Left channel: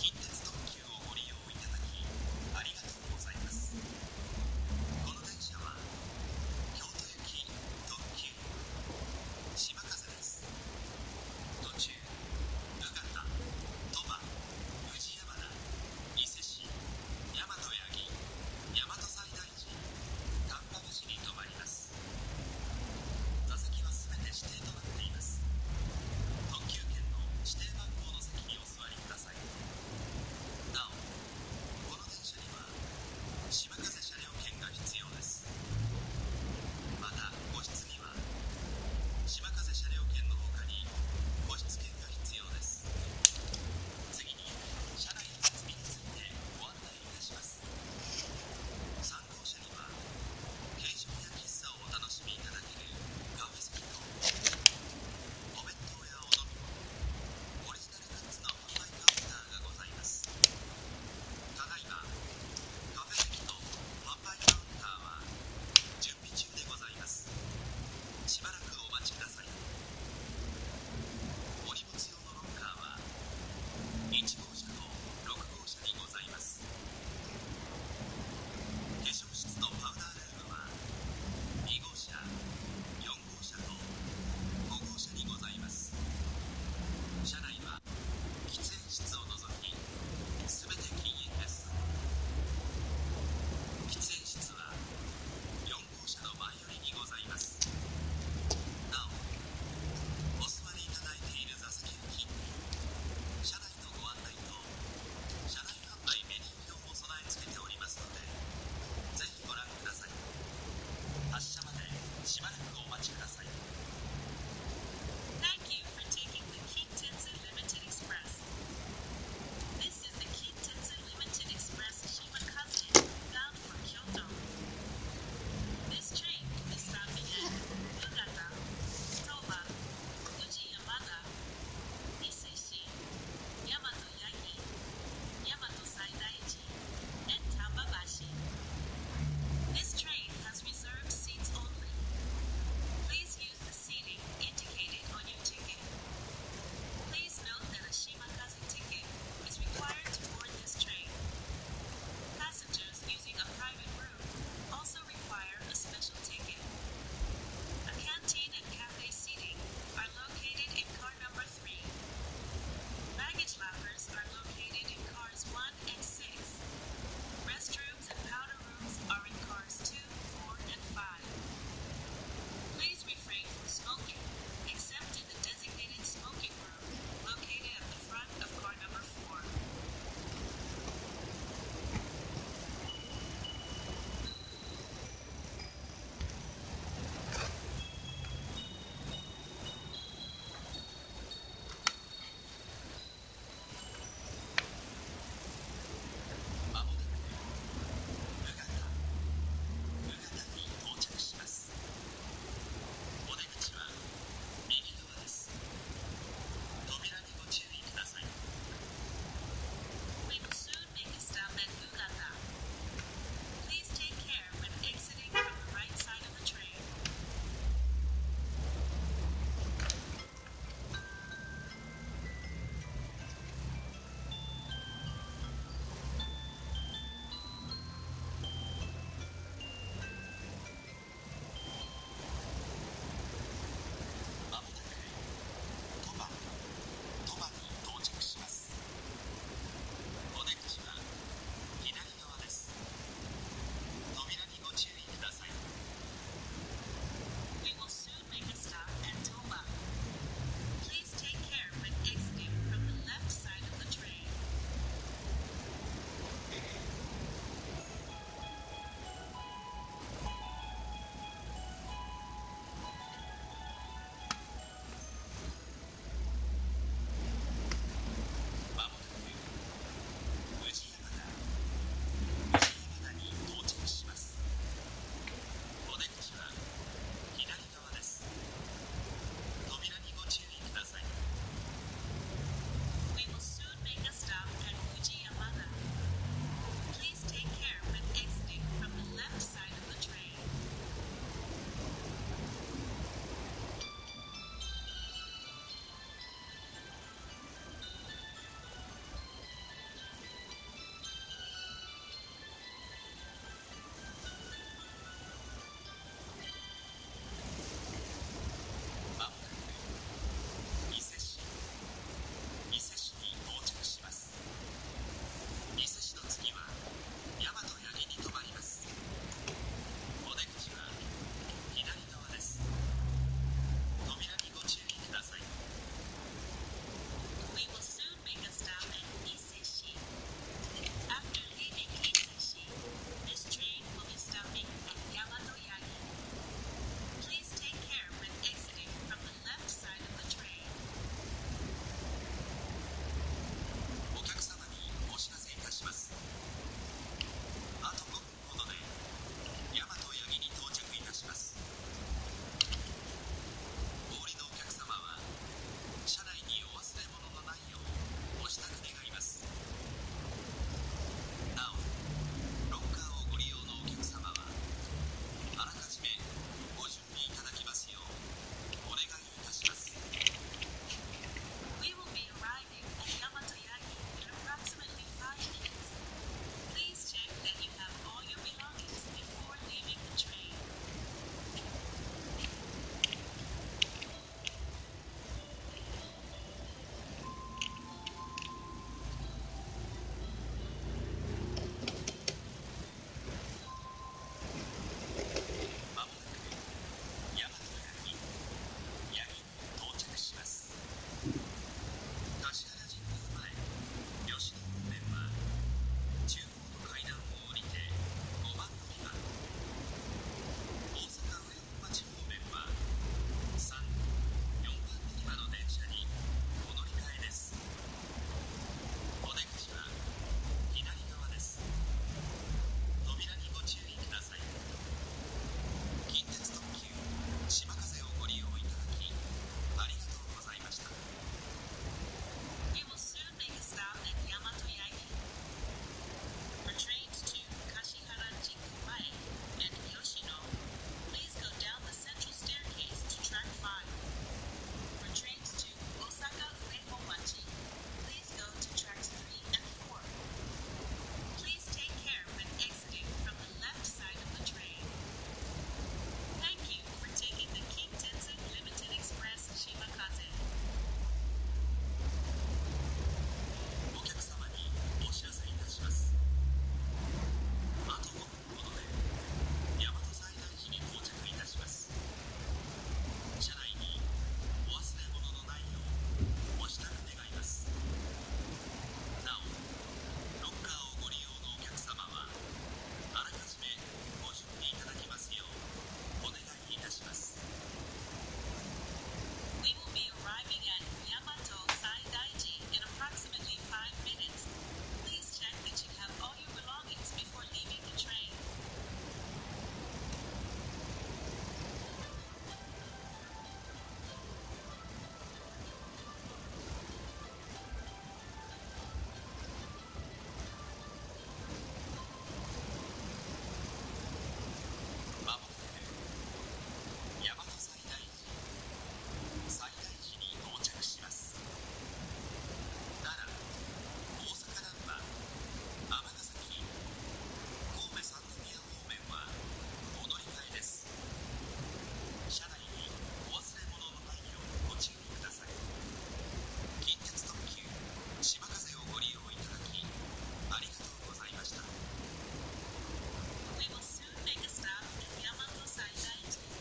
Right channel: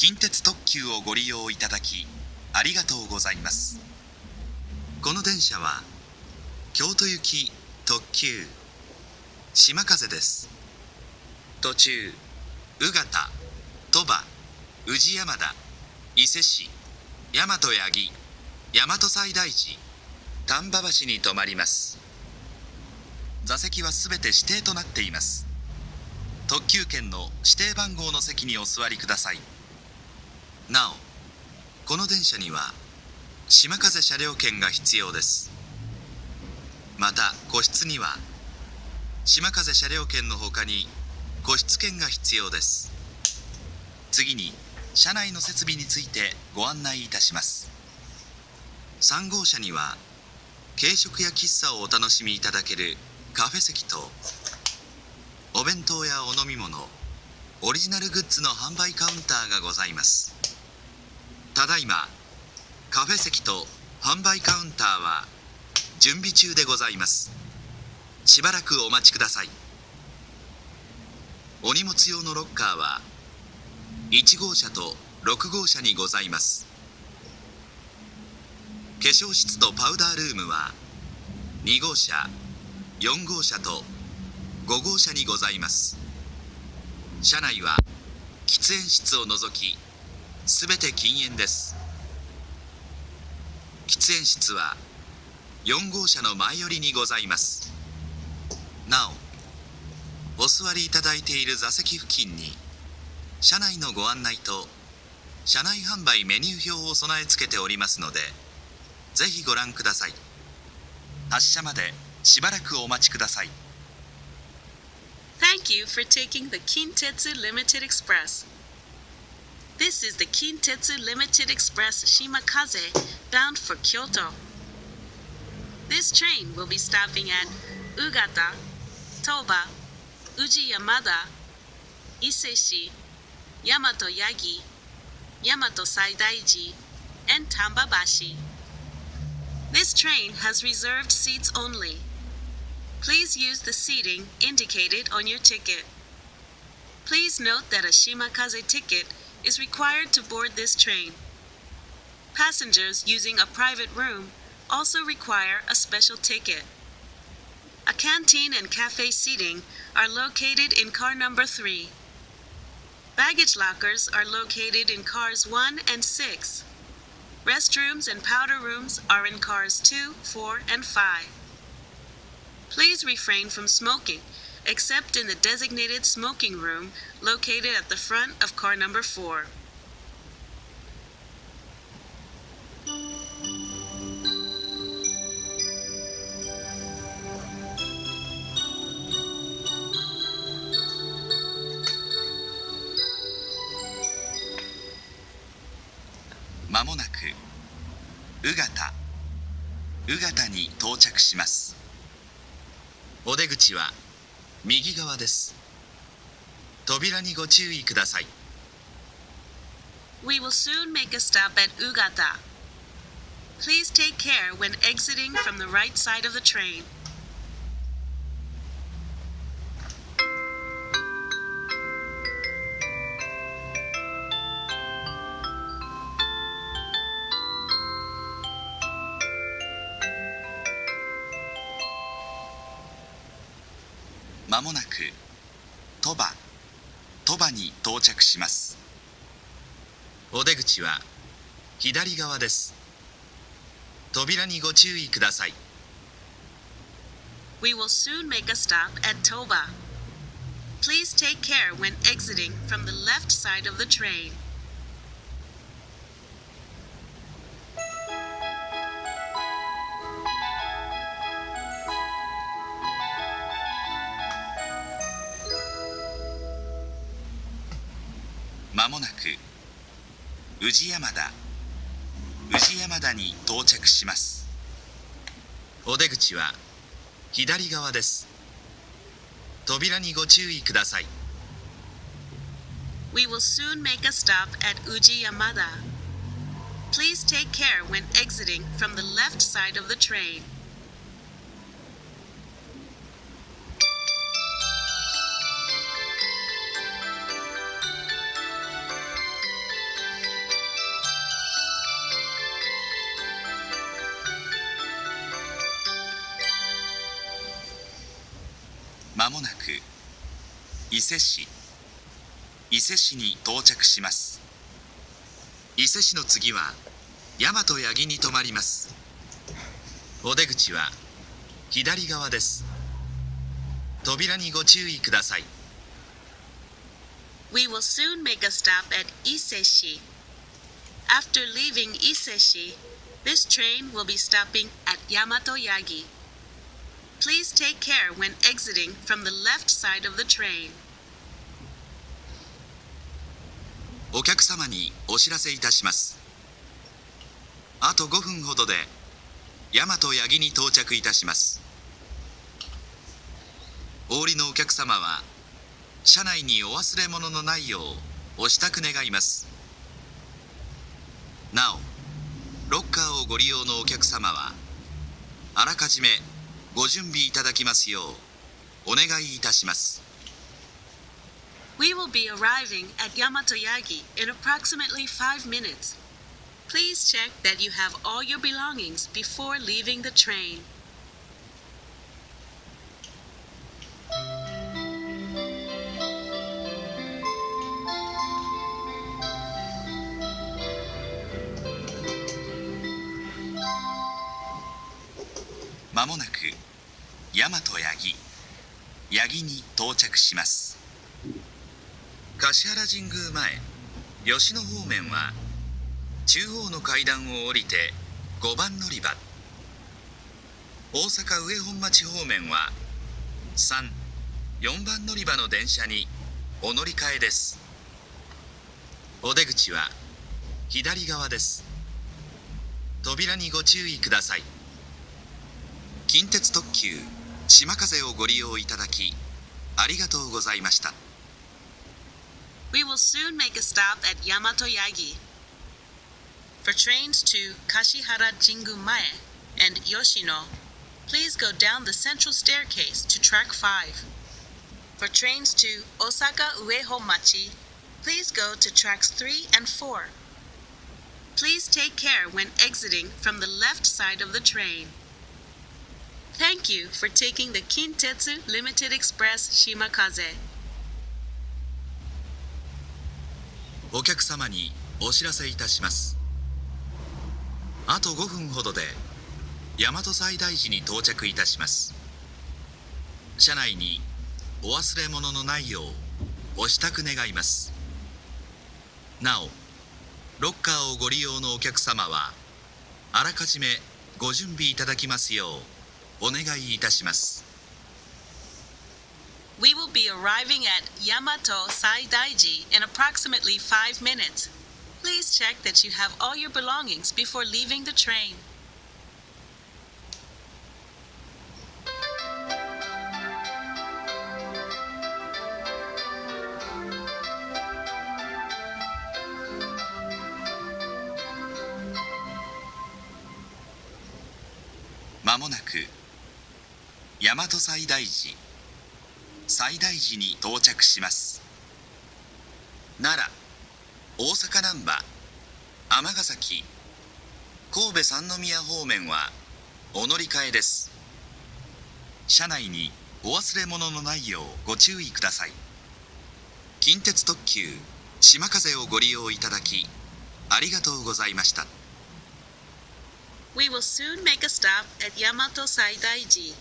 近鉄特急をご利用いただきありがとうございます。この電車は京都行き特急しまかぜです。途中宇方、鳥羽、宇治山田、伊勢市、大和八木、大和西大寺、丹波橋に停まります。座席はすべて指定となっています。特急券の指定番号の席にお座りください。なお、この電車には島風車両券が必要です。また個室には島風車両券のほかに個室券が必要です。次に車内の設備についてご案内いたします。3号車には軽食や喫茶をお楽しみいただけるカフェ席とお弁当やお飲み物、オリジナルグッズの販売カウンターがございます。ただいまカフェ席と販売カウンターは準備中でございます。しばらくお待ちください。お荷物用のロッカーは1号車と6号車にございます。化粧室とパウダールームは2号車、4号車と5号車にございます。車内は喫煙室を除きすべて禁煙です。喫煙室は4号車の前寄りにございます。なお、お座りいただいている座席付近に車内のご案内と車内販売メニュー表を備え付けておりますので、ぜひご覧ください。発車までしばらくお待ちください。Thank you for taking the Kintetsu Limited Express. This is the Kintetsu Limited Express Shimakaze bound for Kyoto. This train will be stopping at Ugata, Toba, Uji Yamada, Iseshi, Yamato Yagi, Yamato Saidaiji, and Tambabashi. This train has reserved seats only. Please use the seating indicated on your ticket. Please note that a Shimakaze ticket is required to board this train. Passengers using a private room also require a special ticket. A canteen and cafe seating are located in car number 3. Baggage lockers are located in cars 1 and 6. Restrooms and powder rooms are in cars 2, 4, and 5. Please refrain from smoking, except in the designated smoking room located at the front of car number 4. まもなく宇方に到着します。お出口は右側です。扉にご注意ください。We will soon make a stop at Ugata. Please take care when exiting from the right side of the train. まもなく鳥羽に到着します。お出口は左側です。扉にご注意ください。We will soon make a stop at Toba. Please take care when exiting from the left side of the train. まもなく宇治山田に到着します。お出口は左側です。扉にご注意ください。We will soon make a stop at Uji Yamada. Please take care when exiting from the left side of the train. ま伊勢市に到着します。伊勢市の次は大和八木に停まります。お出口は左側です。扉にご注意ください。We will soon make a stop at Iseshi. After leaving Iseshi, this train will be stopping at Yamato Yagi. Please take care when exiting from the left side of the train. お客様にお知らせいたします。あと5分ほどで大和八木に到着いたします。お降りのお客様は車内にお忘れ物のないようお支度願います。なお、ロッカーをご利用のお客様はあらかじめご準備いただきますようお願いいたします。We will be arriving at Yamato Yagi in approximately 5 minutes. Please check that you have all your belongings before leaving the train. まもなく大和八木に到着します。橿原神宮前吉野方面は中央の階段を降りて5番乗り場、大阪上本町方面は3、4番乗り場の電車にお乗り換えです。お出口は左側です。扉にご注意ください。近鉄特急しまかぜをご利用いただきありがとうございました。We will soon make a stop at Yamato Yagi. For trains to Kashihara Jingu-mae and Yoshino, please go down the central staircase to track 5. For trains to Osaka Uehonmachi, please go to tracks 3 and 4. Please take care when exiting from the left side of the train. Thank you for taking the Kintetsu Limited Express Shimakaze. お客様にお知らせいたします。あと5分ほどで大和西大寺に到着いたします。車内にお忘れ物のないようお支度願います。なお、ロッカーをご利用のお客様はあらかじめご準備いただきますようお願いいたします。We will be arriving at Yamato Saidaiji in approximately 5 minutes. Please check that you have all your belongings before leaving the train. まもなく大和西大寺に到着します。奈良、大阪難波、尼崎、神戸三宮方面はお乗り換えです。車内にお忘れ物のないようご注意ください。近鉄特急しまかぜをご利用いただきありがとうございました。We will soon make a stop at Yamato Saidaiji.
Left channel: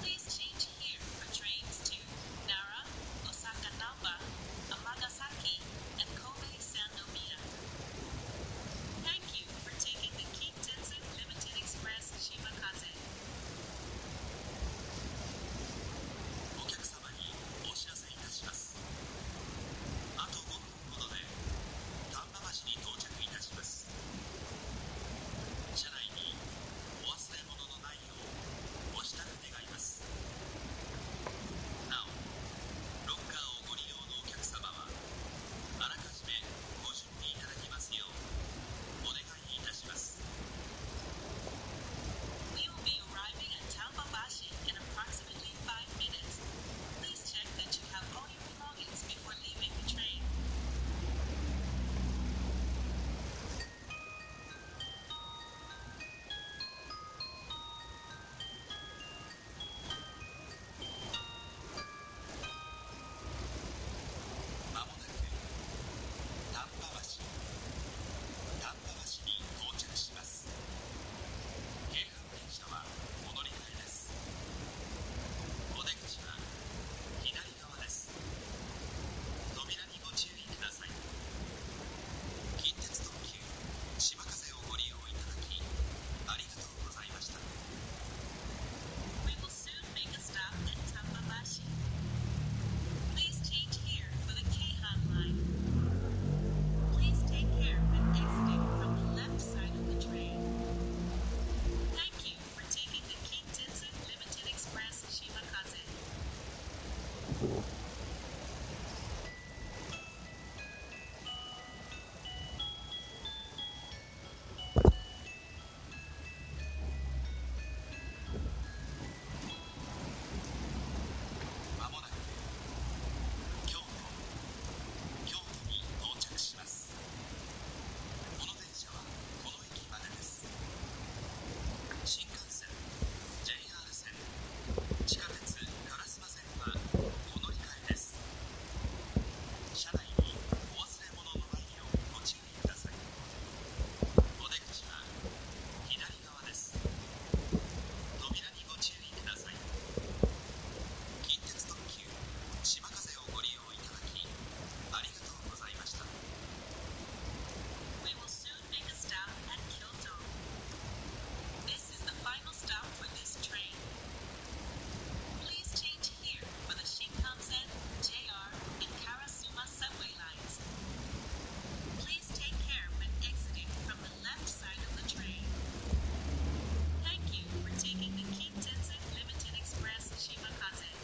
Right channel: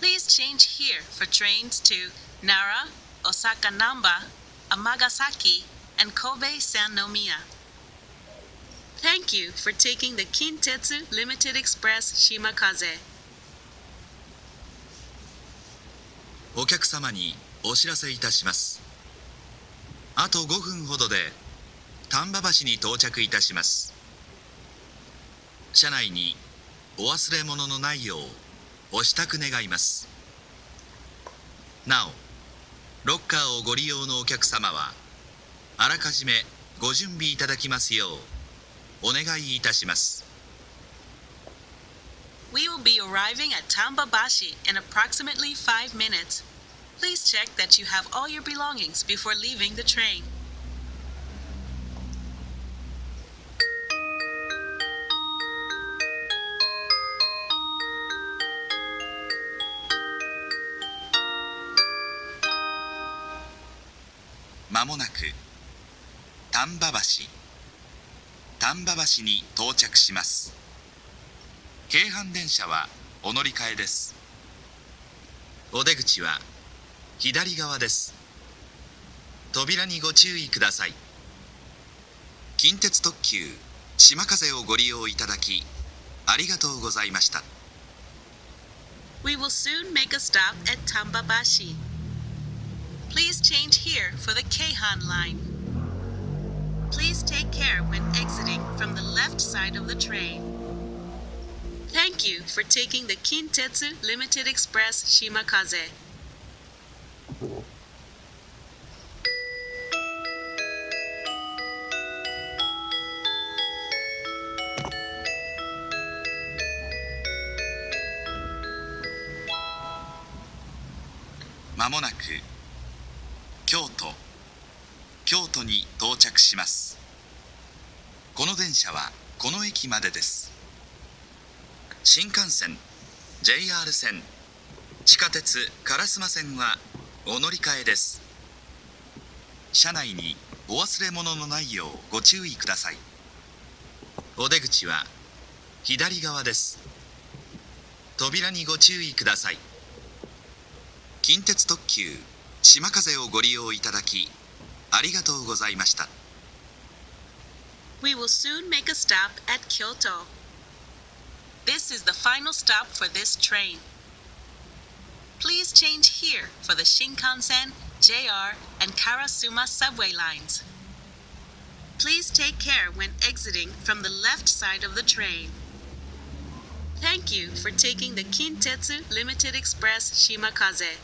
Please change here for trains to Nara, Osaka Namba, Amagasaki, and Kobe Sannomiya. Thank you for taking the Kintetsu Limited Express Shimakaze. お客様にお知らせいたします。あと5分ほどで丹波橋に到着いたします。車内にお忘れ物のないようお支度願います。なお、ロッカーをご利用のお客様はあらかじめご準備いただきますようお願いいたします。We will be arriving at Tambabashi in approximately 5 minutes. Please check that you have all your belongings before leaving the train. 「まもなく丹波橋に到着します。京阪電車はお乗り換えです。お出口は左側です。扉にご注意ください。近鉄特急しまかぜをご利用いただきありがとうございました。 We will soon make a stop at Tambabashi. Please change here for the Keihan line. Please take care when exiting from the left side of the train. Thank you for taking the Kintetsu Limited Express Shimakaze. まもなく京都に到着します。この電車はこの駅までです。新幹線、JR 線、地下鉄烏丸線はお乗り換えです。車内にお忘れ物のないようご注意ください。お出口は左側です。扉にご注意ください。近鉄特急しまかぜをご利用いただきありがとうございました。 We will soon make a stop at Kyoto. This is the final stop for this train. Please change here for the Shinkansen, JR, and Karasuma subway lines. Please take care when exiting from the left side of the train. Thank you for taking the Kintetsu Limited Express Shimakaze.